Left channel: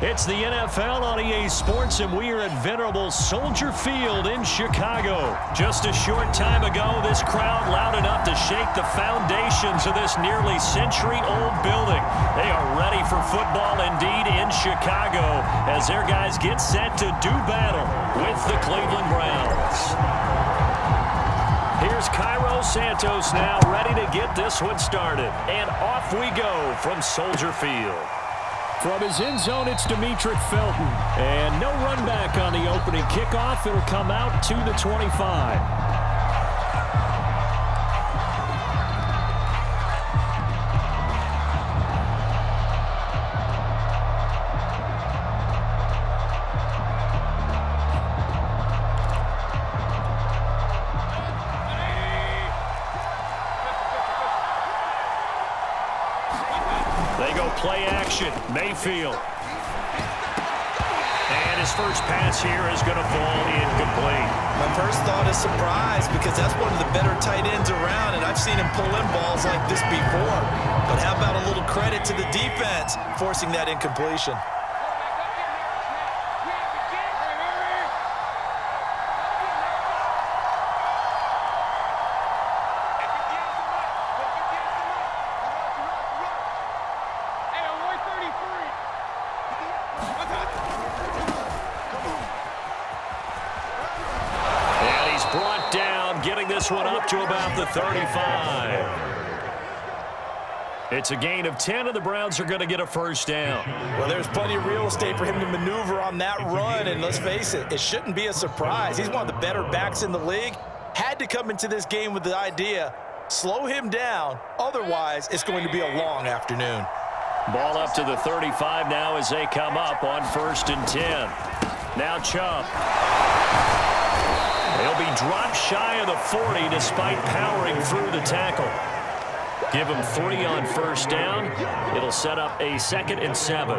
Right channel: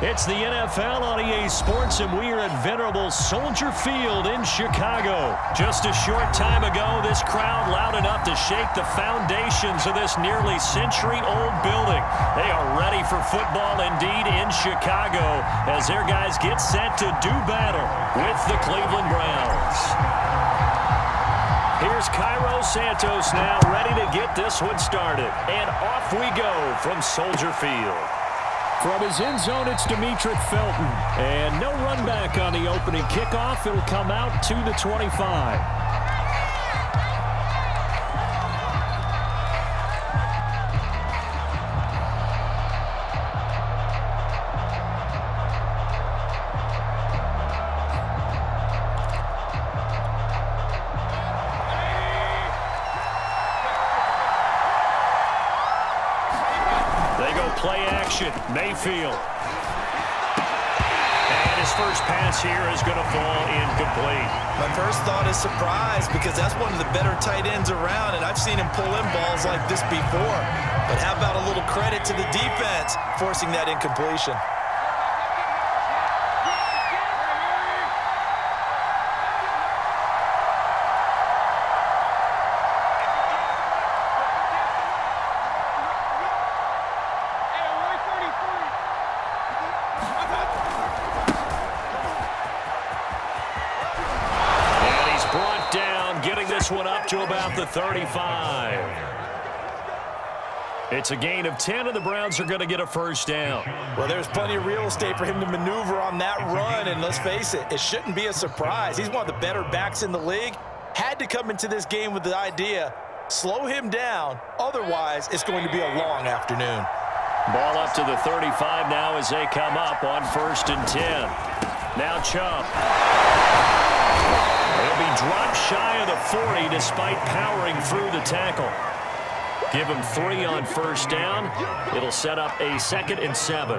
It's the NFL on EA Sports, and we are at venerable Soldier Field in Chicago. Just a short time ago, this crowd loud enough to shake the foundations of this nearly century-old building. They are ready for football indeed in Chicago as their guys get set to do battle with the Cleveland Browns. Here's Cairo Santos now ready to get this one started. And off we go from Soldier Field. From his end zone, it's Demetric Felton. And no run back on the opening kickoff. It'll come out to the 25. They go play action. Mayfield. And his first pass here is going to fall incomplete. My first thought is surprise because that's one of the better tight ends around, and I've seen him pull in balls like this before. But how about a little credit to the defense forcing that incompletion? Brought down, getting this one up to about the 35. It's a gain of 10, and the Browns are going to get a first down. Well, there's plenty of real estate for him to maneuver on that run, and let's face it, it shouldn't be a surprise. He's one of the better backs in the league. Had to come into this game with the idea, slow him down, otherwise it's going to be a long afternoon. Ball up to the 35 now as they come up on 1st and 10. Now Chubb. They'll be dropped shy of the 40 despite powering through the tackle. Give him 3 on first down. It'll set up a 2nd and 7.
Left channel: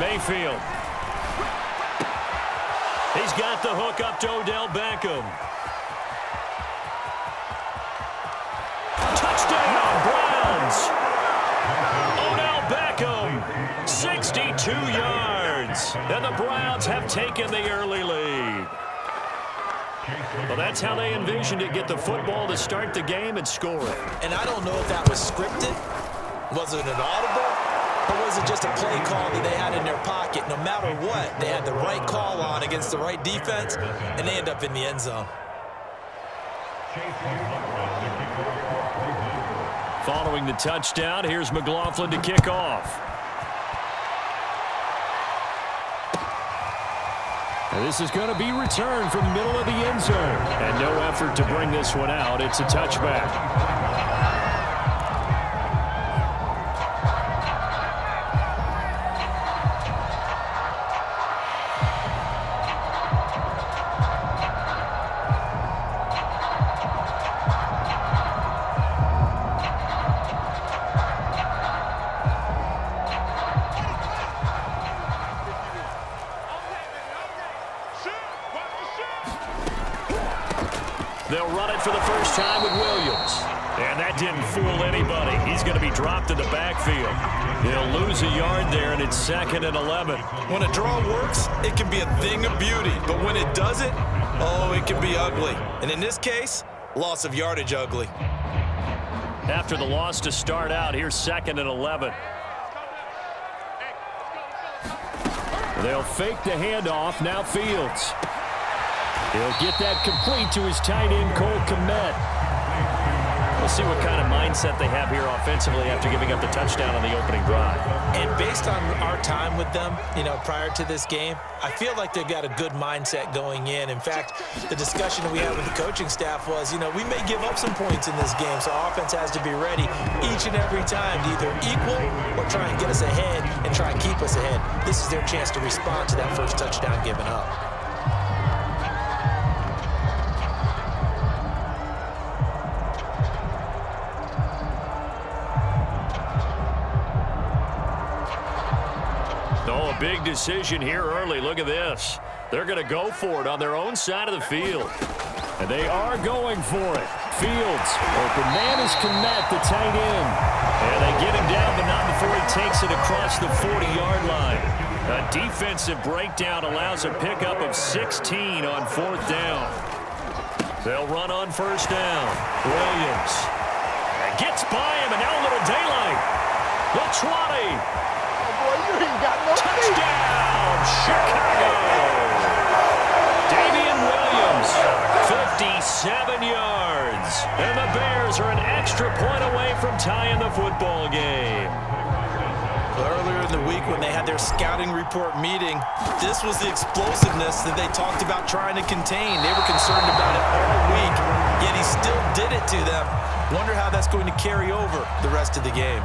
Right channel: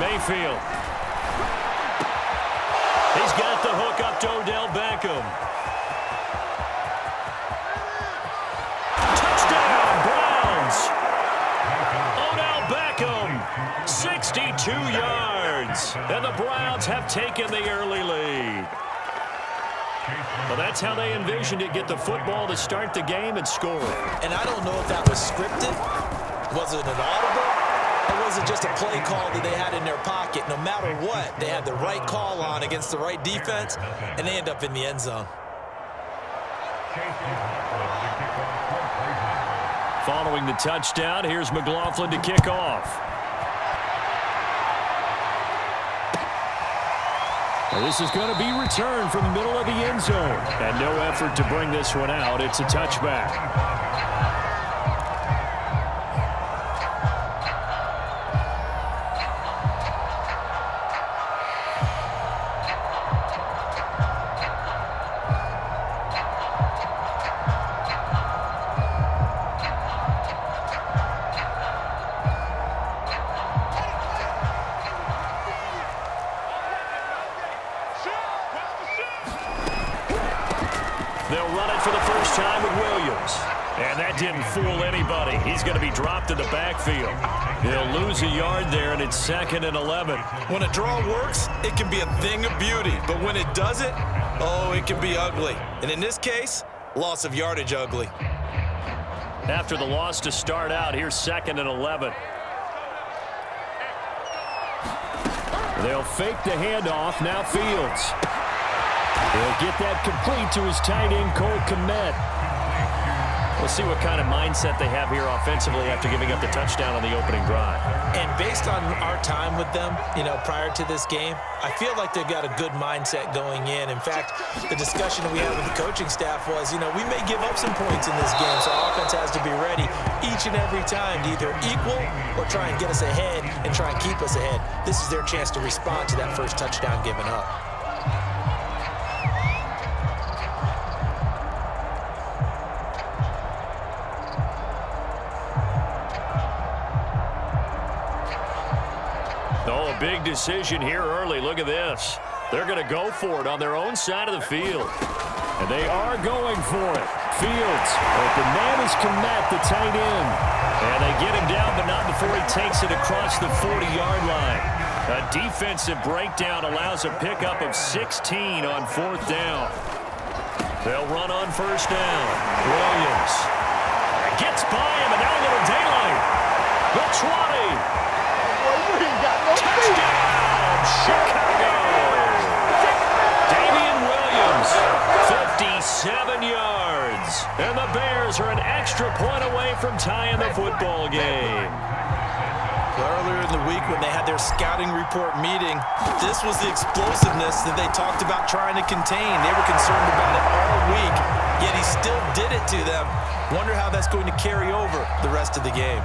Mayfield. He's got the hook up to Odell Beckham. Touchdown, Browns. Odell Beckham, 62 yards. And the Browns have taken the early lead. Well, that's how they envisioned it. Get the football to start the game and score it. And I don't know if that was scripted. Was it an audible? Or was it just a play call that they had in their pocket? No matter what, they had the right call on against the right defense, and they end up in the end zone. Following the touchdown, here's McLaughlin to kick off. And this is going to be returned from the middle of the end zone. And no effort to bring this one out. It's a touchback. They'll run it for the first time with Williams. And that didn't fool anybody. He's going to be dropped in the backfield. They'll lose a yard there, and it's 2nd and 11. When a draw works, it can be a thing of beauty. But when it doesn't, oh, it can be ugly. And in this case, loss of yardage ugly. After the loss to start out, here's 2nd and 11. They'll fake the handoff. Now Fields. He'll get that complete to his tight end, Cole Kmet. We'll see what kind of mindset they have here offensively after giving up the touchdown on the opening drive. And based on our time with them, prior to this game, I feel like they've got a good mindset going in. In fact, the discussion we had with the coaching staff was, we may give up some points in this game, so our offense has to be ready each and every time to either equal or try and get us ahead and try and keep us ahead. This is their chance to respond to that first touchdown given up. Oh, a big decision here early. Look at this. They're going to go for it on their own side of the field. And they are going for it. Fields, open man is Kmet, the tight end. And they get him down, but not before he takes it across the 40-yard line. A defensive breakdown allows a pickup of 16 on 4th down. They'll run on 1st down. Williams gets by him, and now a little daylight. The 20. Oh, boy, you ain't got no feet. Touchdown, Chicago. Damian Williams, 57 yards. And the Bears are an extra point away from tying the football game. Earlier in the week when they had their scouting report meeting, this was the explosiveness that they talked about trying to contain. They were concerned about it all week, yet he still did it to them. Wonder how that's going to carry over the rest of the game.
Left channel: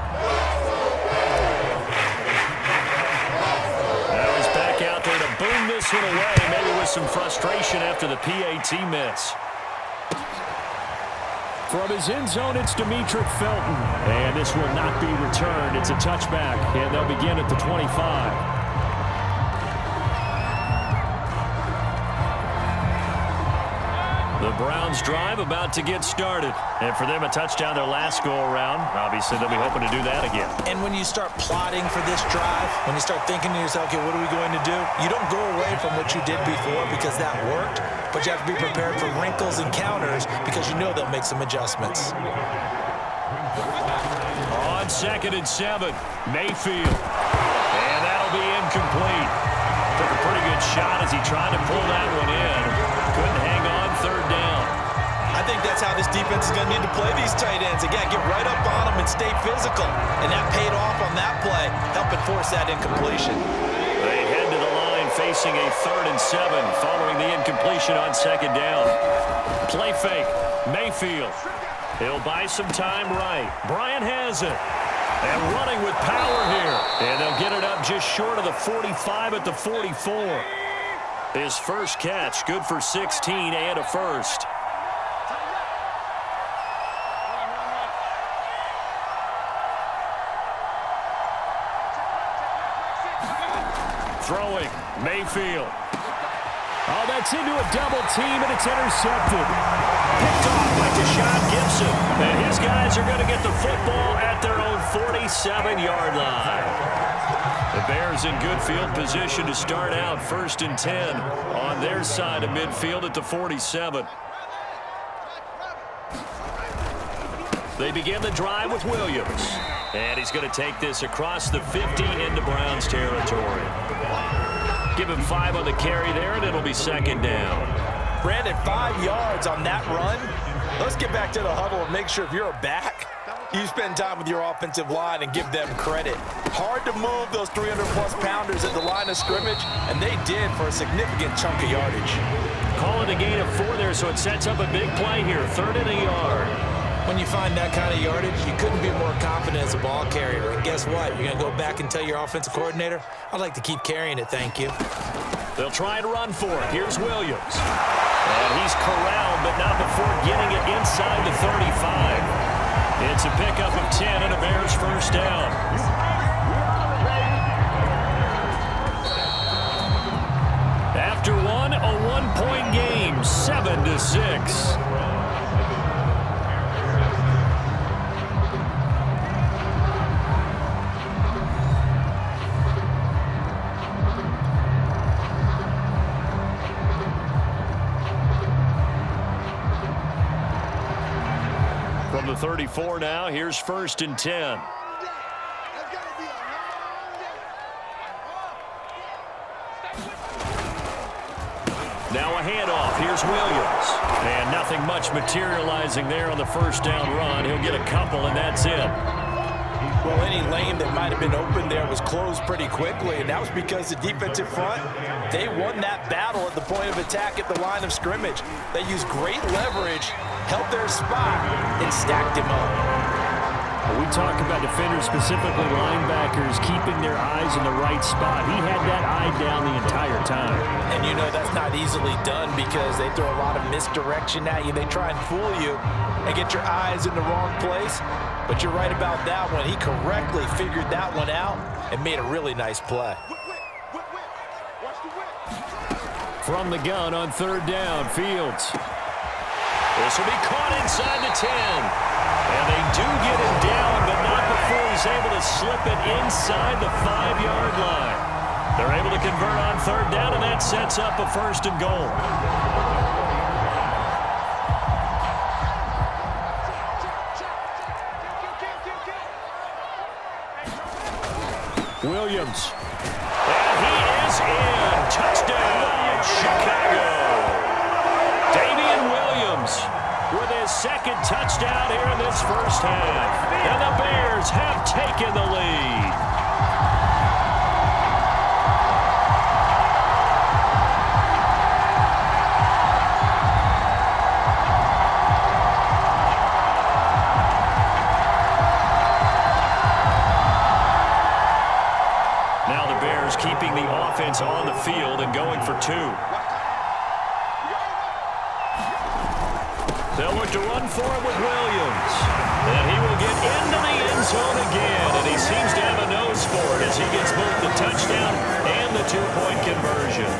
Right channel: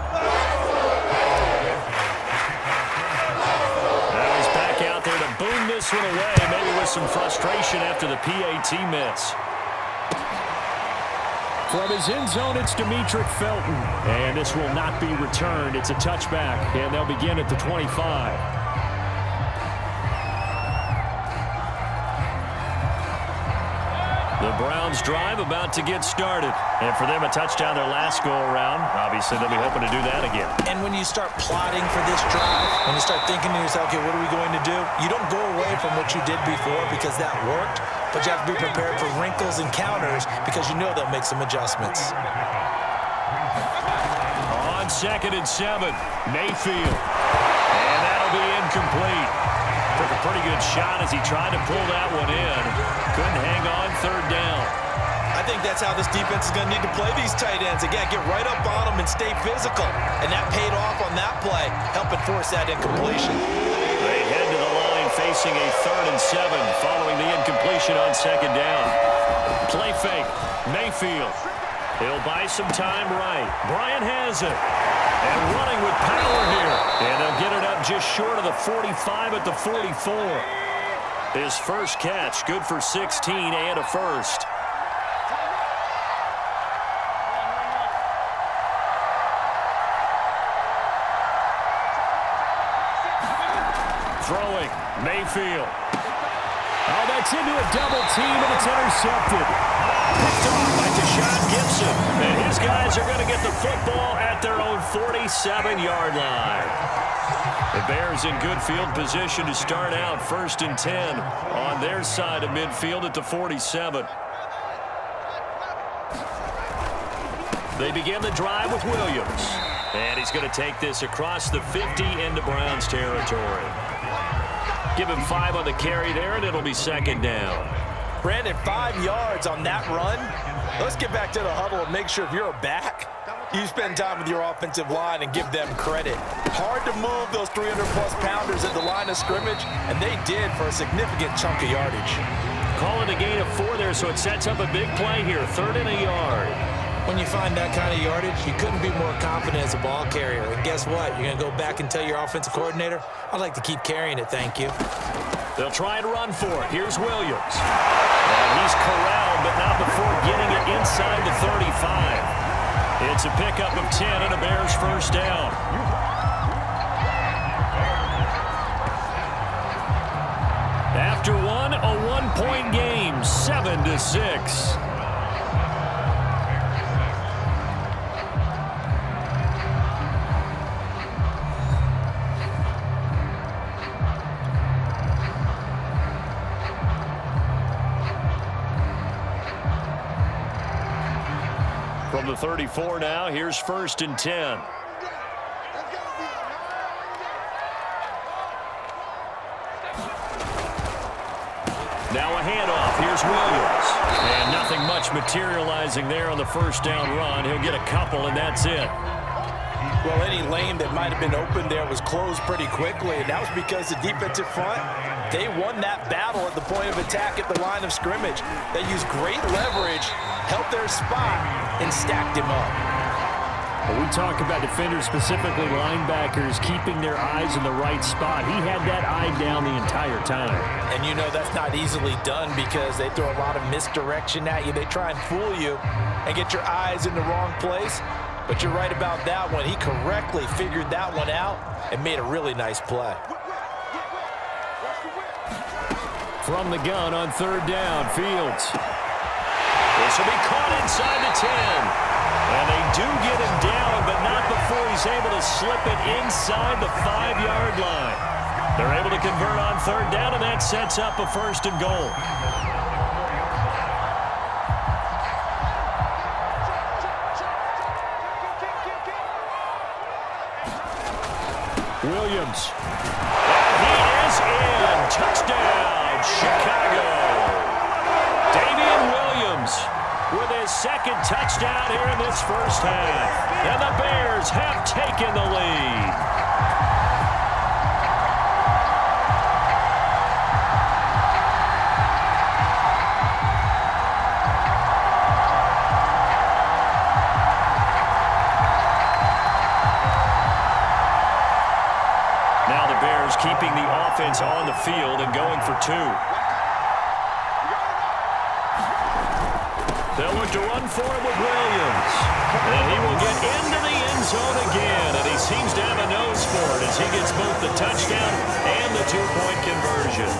Now he's back out there to boom this one away, maybe with some frustration after the PAT miss. From his end zone, it's Demetric Felton. And this will not be returned. It's a touchback, and they'll begin at the 25. The Browns drive about to get started. And for them, a touchdown their last go-around. Obviously, they'll be hoping to do that again. And when you start plotting for this drive, when you start thinking to yourself, okay, what are we going to do? You don't go away from what you did before because that worked, but you have to be prepared for wrinkles and counters because you know they'll make some adjustments. On 2nd and 7, Mayfield. And that'll be incomplete. Took a pretty good shot as he tried to pull that one in. Couldn't hang on 3rd down. I think that's how this defense is going to need to play these tight ends. Again, get right up on them and stay physical. And that paid off on that play, helping force that incompletion. They head to the line facing a 3rd and 7 following the incompletion on 2nd down. Play fake. Mayfield. He'll buy some time right. Bryant has it. And running with power here. And they'll get it up just short of the 45 at the 44. His first catch, good for 16 and a first. Throwing, Mayfield. Oh, that's into a double team, and it's intercepted. Picked off by Deshaun Gibson. And his guys are going to get the football at their own 47-yard line. The Bears in good field position to start out 1st and 10 on their side of midfield at the 47. They begin the drive with Williams. And he's going to take this across the 50 into Browns territory. Give him 5 on the carry there, and it'll be 2nd down. Brandon, 5 yards on that run. Let's get back to the huddle and make sure if you're a back, you spend time with your offensive line and give them credit. Hard to move those 300-plus pounders at the line of scrimmage, and they did for a significant chunk of yardage. Call it a gain of 4 there, so it sets up a big play here, 3rd and a yard. When you find that kind of yardage, you couldn't be more confident as a ball carrier. And guess what? You're going to go back and tell your offensive coordinator, I'd like to keep carrying it, thank you. They'll try and run for it. Here's Williams. And he's corralled, but not before getting it inside the 35. It's a pickup of 10 and a Bears first down. After one, a 1-point game, 7-6. From the 34 now, here's 1st and 10. Now a handoff. Here's Williams. And nothing much materializing there on the first down run. He'll get a couple, and that's it. Well, any lane that might have been open there was closed pretty quickly, and that was because the defensive front, they won that battle at the point of attack at the line of scrimmage. They used great leverage, held their spot, and stacked him up. We talk about defenders, specifically linebackers, keeping their eyes in the right spot. He had that eye down the entire time. And you know that's not easily done because they throw a lot of misdirection at you. They try and fool you and get your eyes in the wrong place. But you're right about that one. He correctly figured that one out and made a really nice play. From the gun on 3rd down, Fields. This will be caught inside the 10. And they do get him down, but not before he's able to slip it inside the 5-yard line. They're able to convert on third down, and that sets up a 1st and goal. Williams. And he is in. Touchdown, Chicago. Damian Williams with his 2nd touchdown here in this first half. And the Bears have taken the lead. Now the Bears keeping the offense on the field and going for 2. They'll look to run for it with Williams. And he will get into the end zone again. And he seems to have a nose for it as he gets both the touchdown and the 2-point conversion.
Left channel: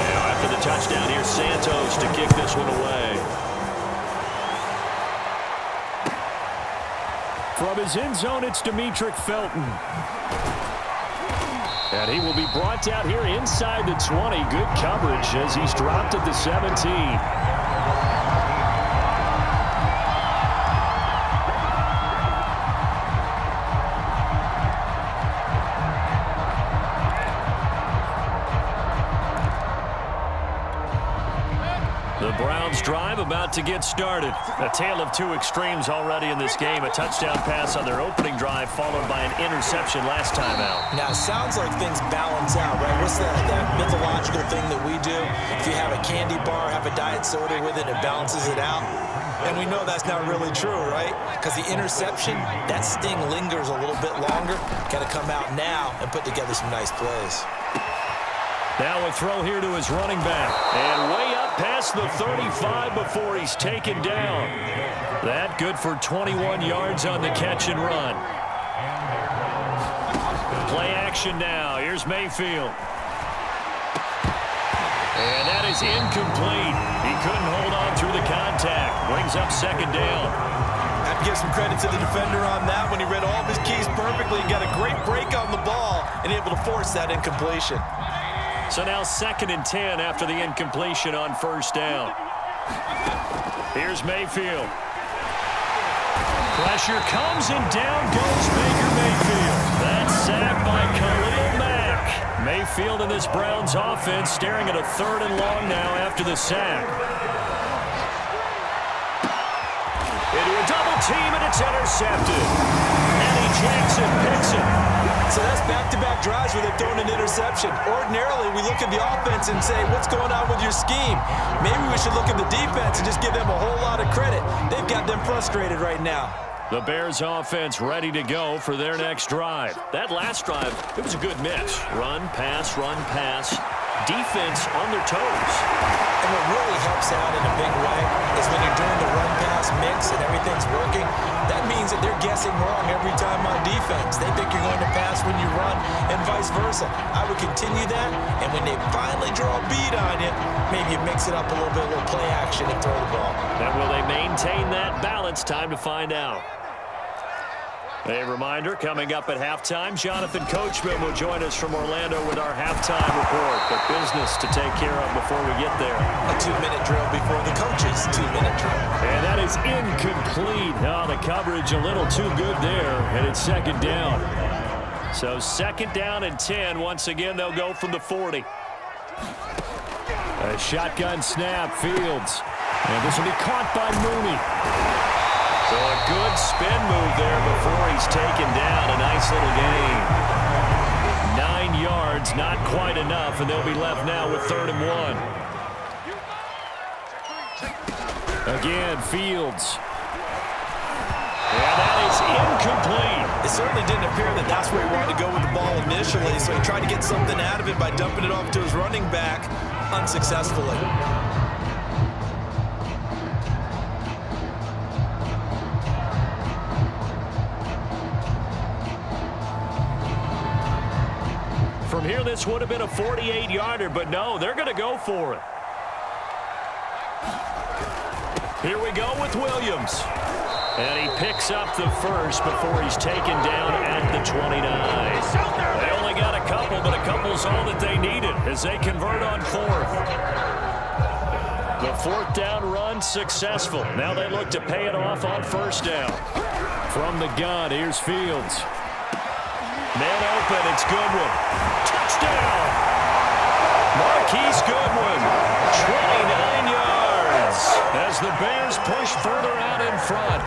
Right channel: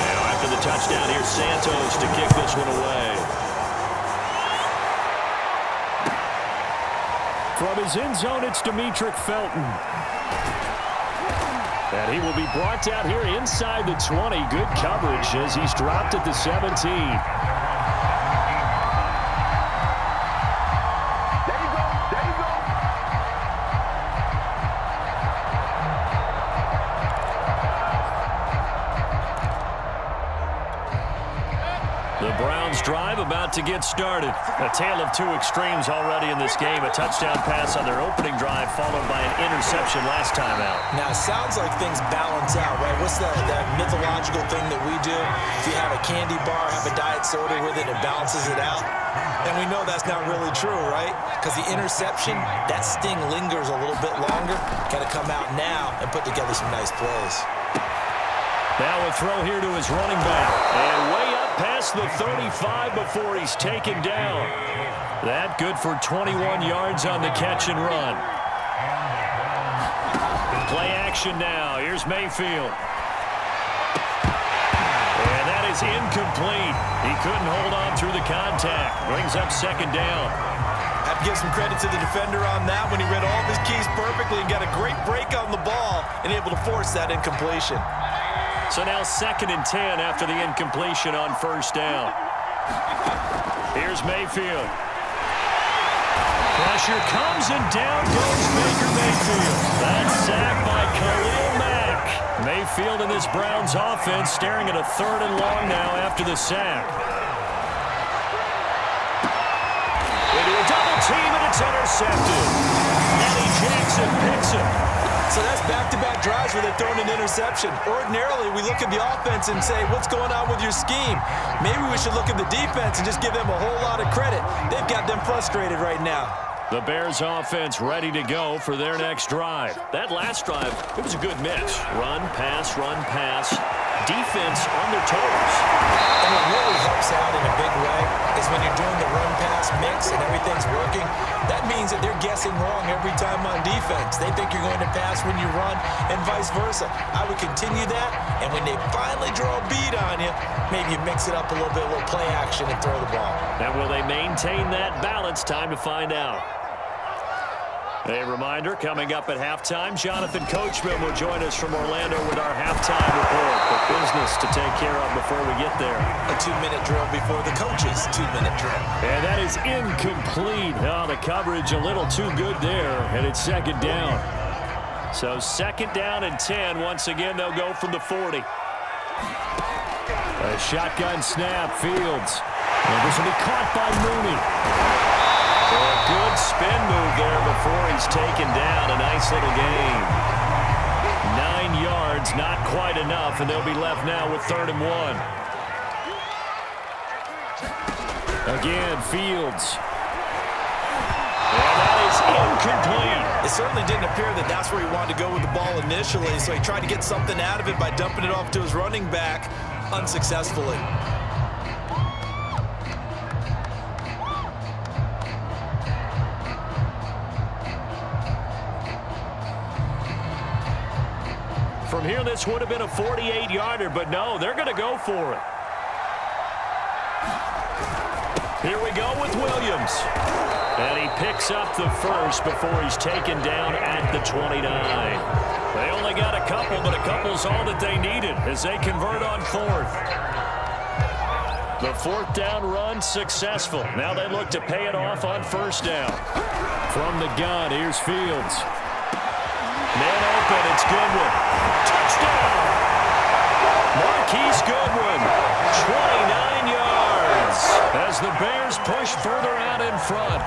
Now after the touchdown, here's Santos to kick this one away. From his end zone, it's Demetric Felton. And he will be brought down here inside the 20. Good coverage as he's dropped at the 17. The Browns drive about to get started. A tale of 2 extremes already in this game. A touchdown pass on their opening drive followed by an interception last time out. Now, it sounds like things balance out, right? What's that mythological thing that we do? If you have a candy bar, have a diet soda with it, it balances it out. And we know that's not really true, right? Because the interception, that sting lingers a little bit longer. Got to come out now and put together some nice plays. Now a throw here to his running back. And way up past the 35 before he's taken down. That good for 21 yards on the catch and run. Play action now. Here's Mayfield. And that is incomplete. He couldn't hold on through the contact. Brings up 2nd down. Have to give some credit to the defender on that when he read all of his keys perfectly and got a great break on the ball and able to force that incompletion. So now 2nd and 10 after the incompletion on 1st down. Here's Mayfield. Pressure comes and down goes Baker Mayfield. That's sacked by Khalil Mack. Mayfield in this Browns offense staring at a 3rd and long now after the sack. Into a double team and it's intercepted. Eddie Jackson picks it. So that's back-to-back drives where they've thrown an interception. Ordinarily, we look at the offense and say, what's going on with your scheme? Maybe we should look at the defense and just give them a whole lot of credit. They've got them frustrated right now. The Bears offense ready to go for their next drive. That last drive, it was a good mix. Run, pass, run, pass. Defense on their toes. And what really helps out in a big way is when you're doing the run-pass mix and everything's working, that means that they're guessing wrong every time on defense. They think you're going to pass when you run and vice versa. I would continue that, and when they finally draw a bead on you, maybe you mix it up a little bit, a little play action and throw the ball. And will they maintain that balance? Time to find out. A reminder, coming up at halftime, Jonathan Coachman will join us from Orlando with our halftime report. But business to take care of before we get there. A 2-minute drill before the coach's 2-minute drill. And that is incomplete. Oh, the coverage a little too good there, and it's 2nd down. So 2nd down and 10. Once again, they'll go from the 40. A shotgun snap, Fields. And this will be caught by Mooney. So a good spin move there before he's taken down. A nice little gain. 9 yards, not quite enough, and they'll be left now with 3rd and 1. Again, Fields. And that is incomplete. It certainly didn't appear that that's where he wanted to go with the ball initially, so he tried to get something out of it by dumping it off to his running back unsuccessfully. From here, this would have been a 48-yarder, but no, they're going to go for it. Here we go with Williams. And he picks up the first before he's taken down at the 29. They only got a couple, but a couple's all that they needed as they convert on fourth. The fourth down run successful. Now they look to pay it off on first down. From the gun, here's Fields. Man open, it's Goodwin. Touchdown! Marquise Goodwin, 29 yards as the Bears push further out in front.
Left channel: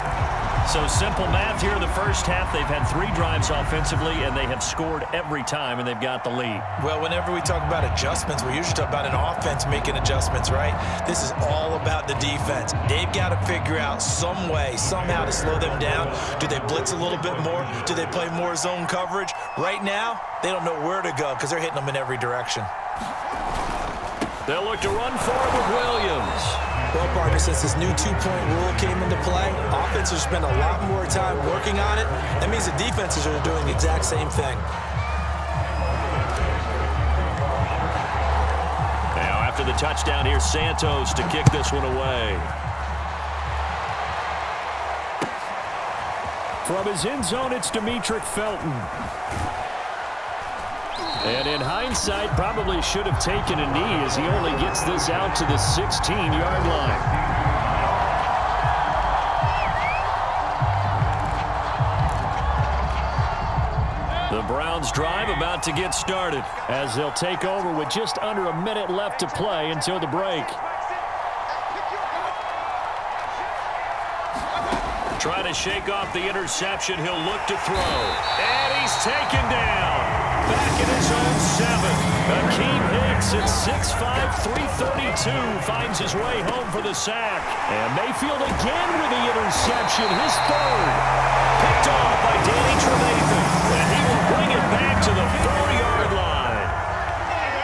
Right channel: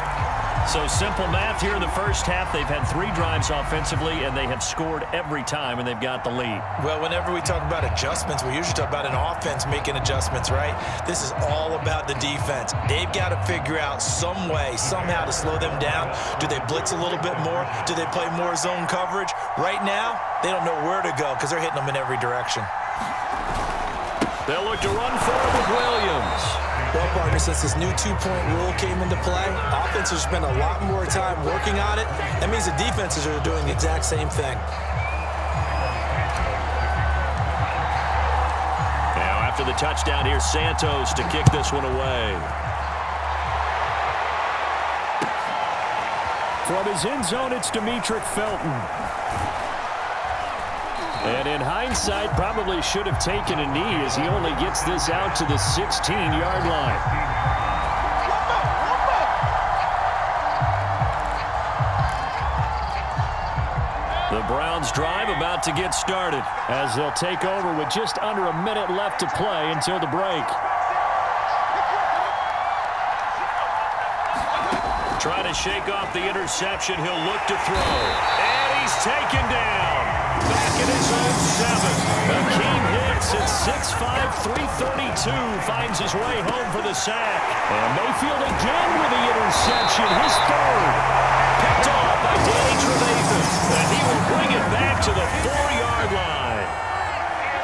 So simple math here in the first half. They've had 3 drives offensively, and they have scored every time, and they've got the lead. Well, whenever we talk about adjustments, we usually talk about an offense making adjustments, right? This is all about the defense. They've got to figure out some way, somehow to slow them down. Do they blitz a little bit more? Do they play more zone coverage? Right now, they don't know where to go because they're hitting them in every direction. They'll look to run forward with Williams. Well, partner, since this new two-point rule came into play, offenses spend a lot more time working on it. That means the defenses are doing the exact same thing. Now, after the touchdown, here's Santos to kick this one away. From his end zone, it's Demetric Felton. And in hindsight, probably should have taken a knee as he only gets this out to the 16-yard line. The Browns drive about to get started as they'll take over with just under a minute left to play until the break. Trying to shake off the interception. He'll look to throw. And he's taken down. Back in his own 7. Akeem Hicks at 6'5", 332 finds his way home for the sack. And Mayfield again with the interception, his 3rd. Picked off by Danny Trevathan. And he will bring it back to the 4-yard line.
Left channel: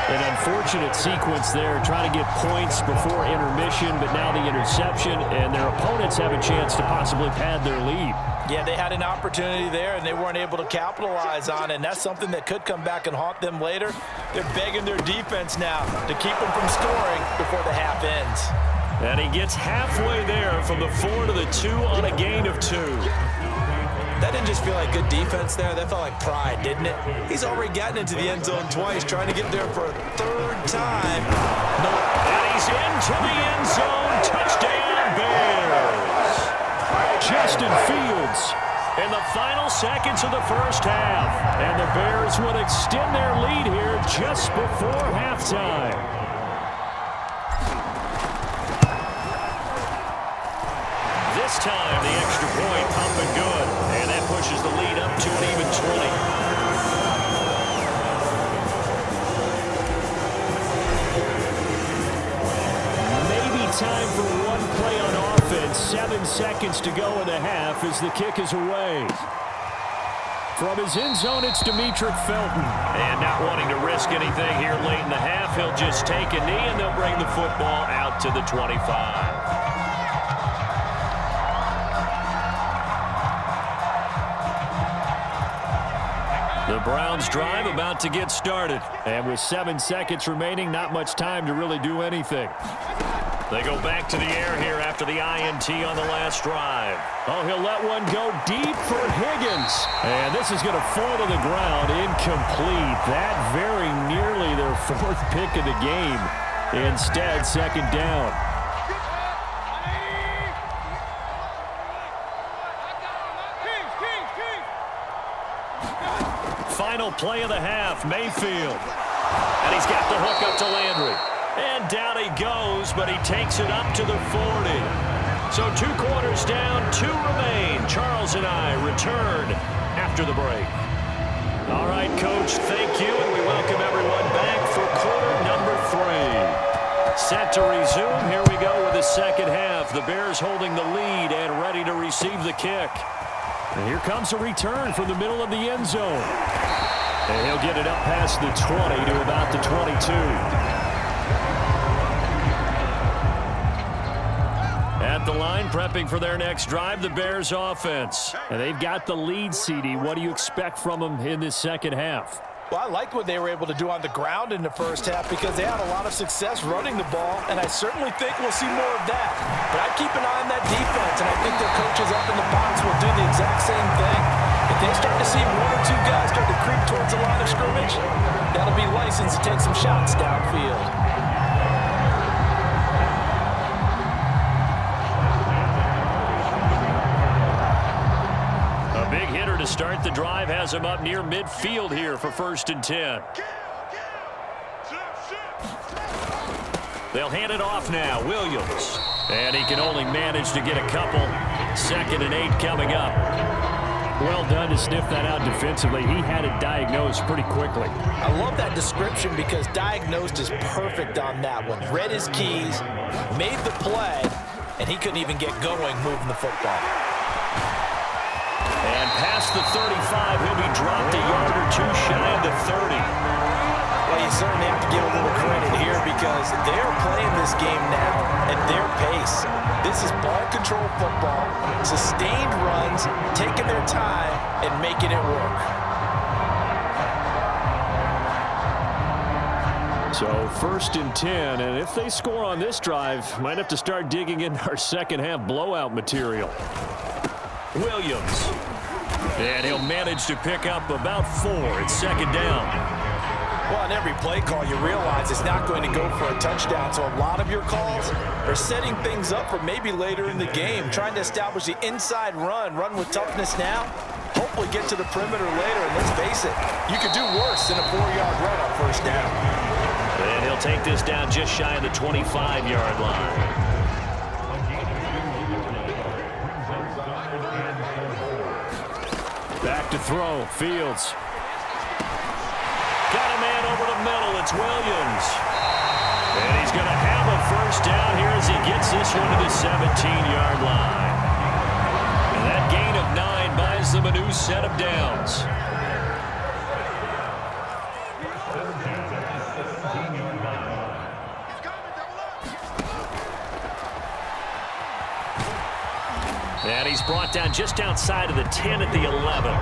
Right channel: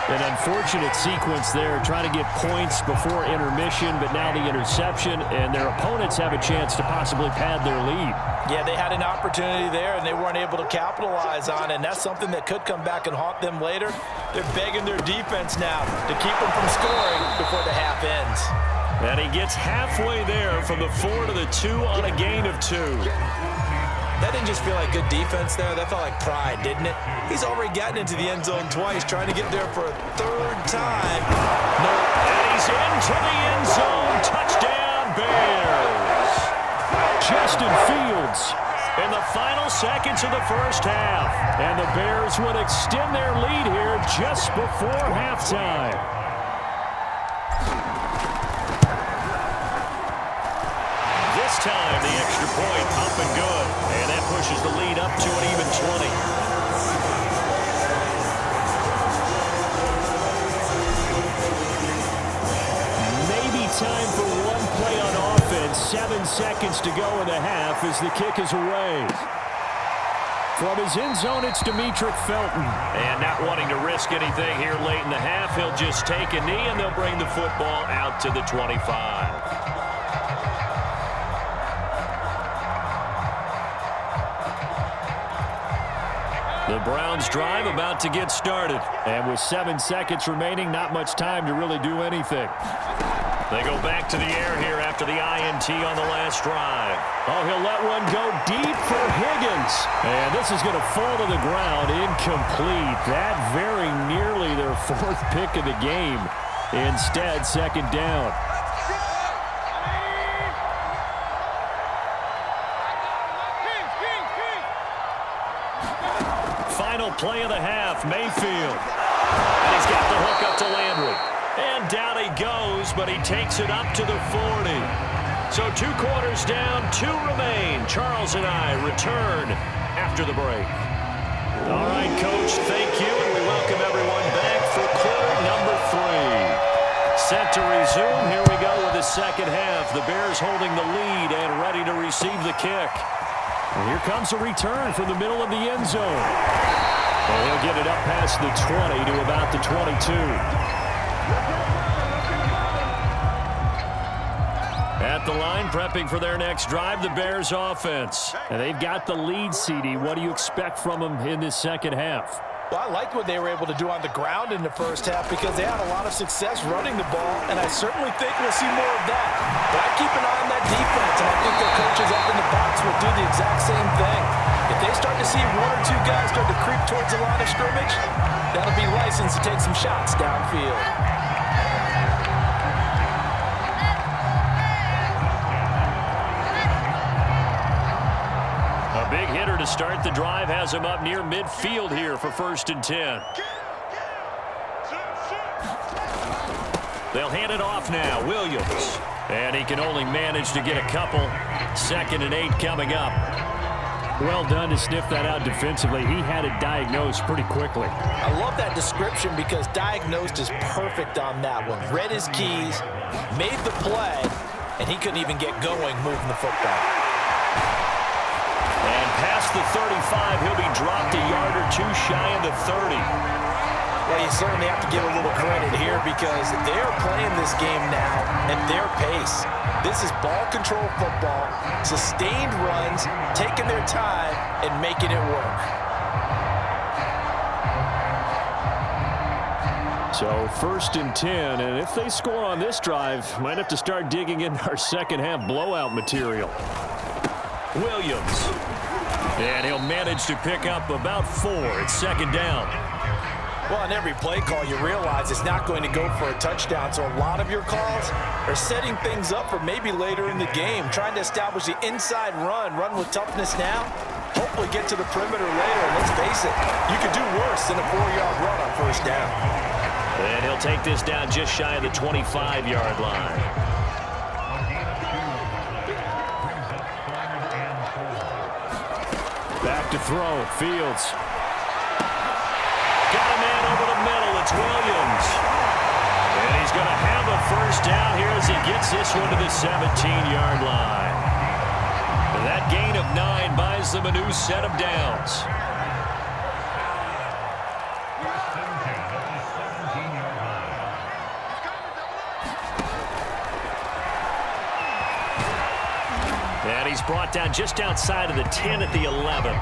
An unfortunate sequence there, trying to get points before intermission, but now the interception, and their opponents have a chance to possibly pad their lead. Yeah, they had an opportunity there, and they weren't able to capitalize on it, and that's something that could come back and haunt them later. They're begging their defense now to keep them from scoring before the half ends. And he gets halfway there from the 4 to the 2 on a gain of 2. That didn't just feel like good defense there. That felt like pride, didn't it? He's already gotten into the end zone twice, trying to get there for a 3rd time. No. And he's into the end zone. Touchdown, Bears. Justin Fields in the final seconds of the first half. And the Bears would extend their lead here just before halftime. This time, the extra point up and good. And that pushes the lead up to an even 20. Maybe time for one play on offense. 7 seconds to go in the half as the kick is away. From his end zone, it's Demetric Felton. And not wanting to risk anything here late in the half, he'll just take a knee, and they'll bring the football out to the 25. The Browns drive about to get started. And with 7 seconds remaining, not much time to really do anything. They go back to the air here after the INT on the last drive. Oh, he'll let one go deep for Higgins. And this is going to fall to the ground incomplete. That very nearly their 4th pick of the game. Instead, 2nd down. Final play of the half, Mayfield. And he's got the hook up to Landry. And down he goes, but he takes it up to the 40. So 2 quarters down, 2 remain. Charles and I return after the break. All right, Coach, thank you, and we welcome everyone back for quarter number 3. Set to resume. Here we go with the second half. The Bears holding the lead and ready to receive the kick. And here comes a return from the middle of the end zone. And he'll get it up past the 20 to about the 22. At the line, prepping for their next drive, the Bears offense. And they've got the lead, CD. What do you expect from them in this second half? Well, I liked what they were able to do on the ground in the first half because they had a lot of success running the ball, and I certainly think we'll see more of that. But I keep an eye on that defense, and I think their coaches up in the box will do the exact same thing. If they start to see one or two guys start to creep towards the line of scrimmage, that'll be licensed to take some shots downfield. A big hitter to start the drive has him up near midfield here for 1st and 10. They'll hand it off now. Williams. And he can only manage to get a couple. 2nd and 8 coming up. Well done to sniff that out defensively. He had it diagnosed pretty quickly. I love that description because diagnosed is perfect on that one. Read his keys, made the play, and he couldn't even get going moving the football. And past the 35, he'll be dropped a yard or two shy of the 30. Well, you certainly have to give a little credit here because they're playing this game now at their pace. This is ball control football, sustained runs, taking their time, and making it work. So 1st and 10, and if they score on this drive, might have to start digging into our second half blowout material. Williams. And he'll manage to pick up about 4 at 2nd down. Well, on every play call, you realize it's not going to go for a touchdown, so a lot of your calls are setting things up for maybe later in the game, trying to establish the inside run with toughness now, hopefully get to the perimeter later, and let's face it, you could do worse than a 4-yard run on 1st down. And he'll take this down just shy of the 25-yard line. Back to throw, Fields. Got a man over the middle, it's Williams. And he's going to have a 1st down here as he gets this one to the 17-yard line. And that gain of 9 buys them a new set of downs. And he's brought down just outside of the 10 at the 11.